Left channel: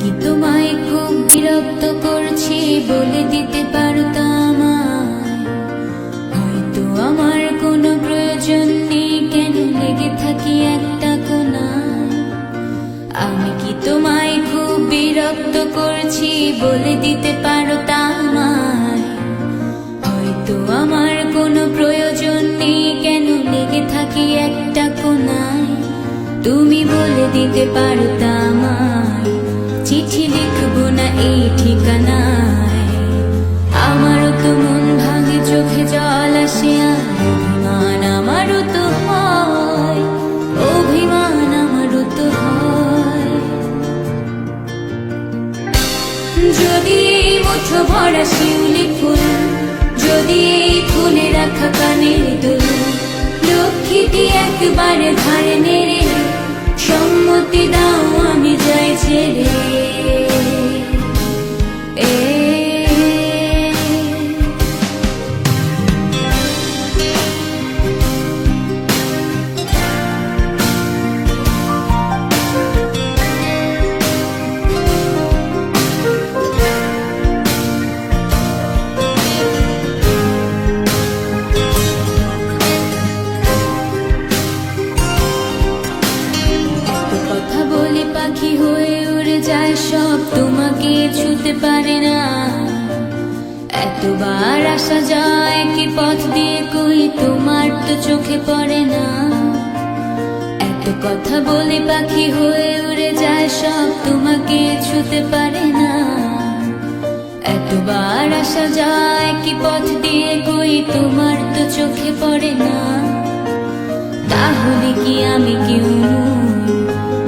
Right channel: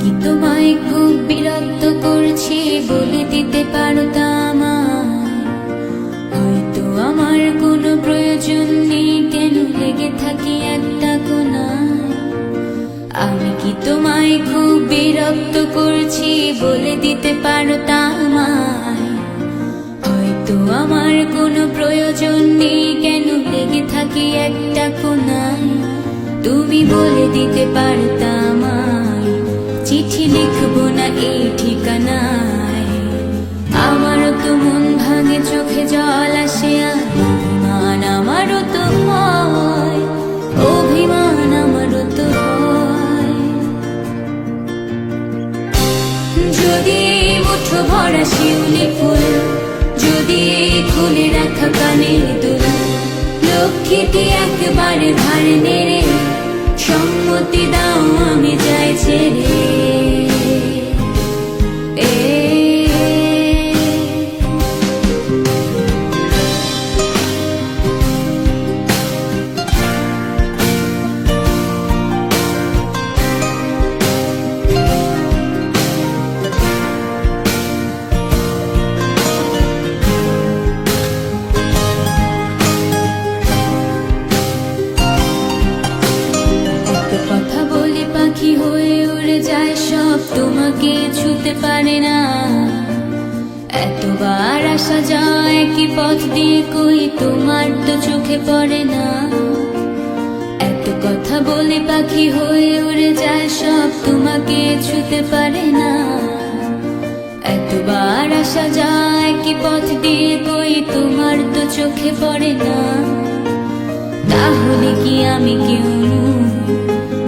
কি তোমায় খুব বিরক্ত করছি বলে দিতে পারতা আমায়? হয়তো আমার কোনো প্রয়োজন নেই, কেন লেগে থাকি একটা কোনায়। আমি কি তোমায় খুব বিরক্ত করছি বলে দিতে পারতা আমায়? হয়তো আমার কোনো প্রয়োজন নেই, কেন লেগে থাকি একটা কোনায়। তুমি বলে দিতে পারতা আমায়, চিঠি লিখবো না এই ঠিকানায়। আমারও তো মন ভাঙে, চোখে জল আসে, আর অভিমান আমারও তো হয়, অভিমান আমারও তো হয়। যদি এই মুঠো ভরা শিউলি ফুল, যদি এই খুলে রাখা কানের দুল, লক্ষ্মীটি একবারে ঘাড়ে নেড়ে সম্মতি দাও আমি যাই ছেড়ে। এত কথা বলি পাখি হয়ে উড়ে যায় সব, তোমাকে ছুতে পারে না। এতবার আসা যায় একই পথ দিয়ে, কই তোমার তো চোখে পড়ে না। এত কথা বলি পাখি হয়ে উড়ে যায় সব, তোমাকে ছুতে পারে না। এতবার আসা যায় একই পথ দিয়ে, কই তোমার তো চোখে পড়ে না। তাহলে কি আমি কেউ নই,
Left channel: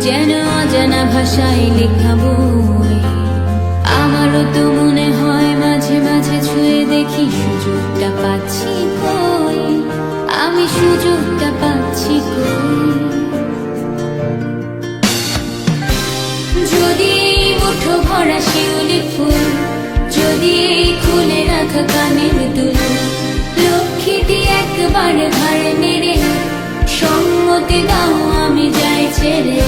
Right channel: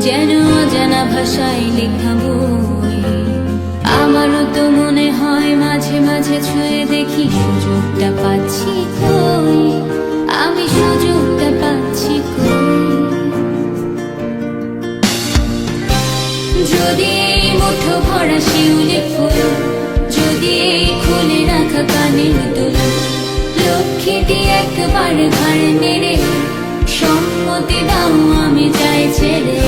যেন অজানা ভাষায় লেখা বই? আমারও তো মনে হয় মাঝে মাঝে ছুঁয়ে দেখি, সুযোগটা পাচ্ছি কই, আমি সুযোগটা পাচ্ছি কই। যদি এই মুঠো ভরা শিউলি ফুল, যদি এই খুলে রাখা কানের দুল, লক্ষ্মীটি একবারে ঘাড়ে নেড়ে সম্মতি দাও আমি যাই ছেড়ে।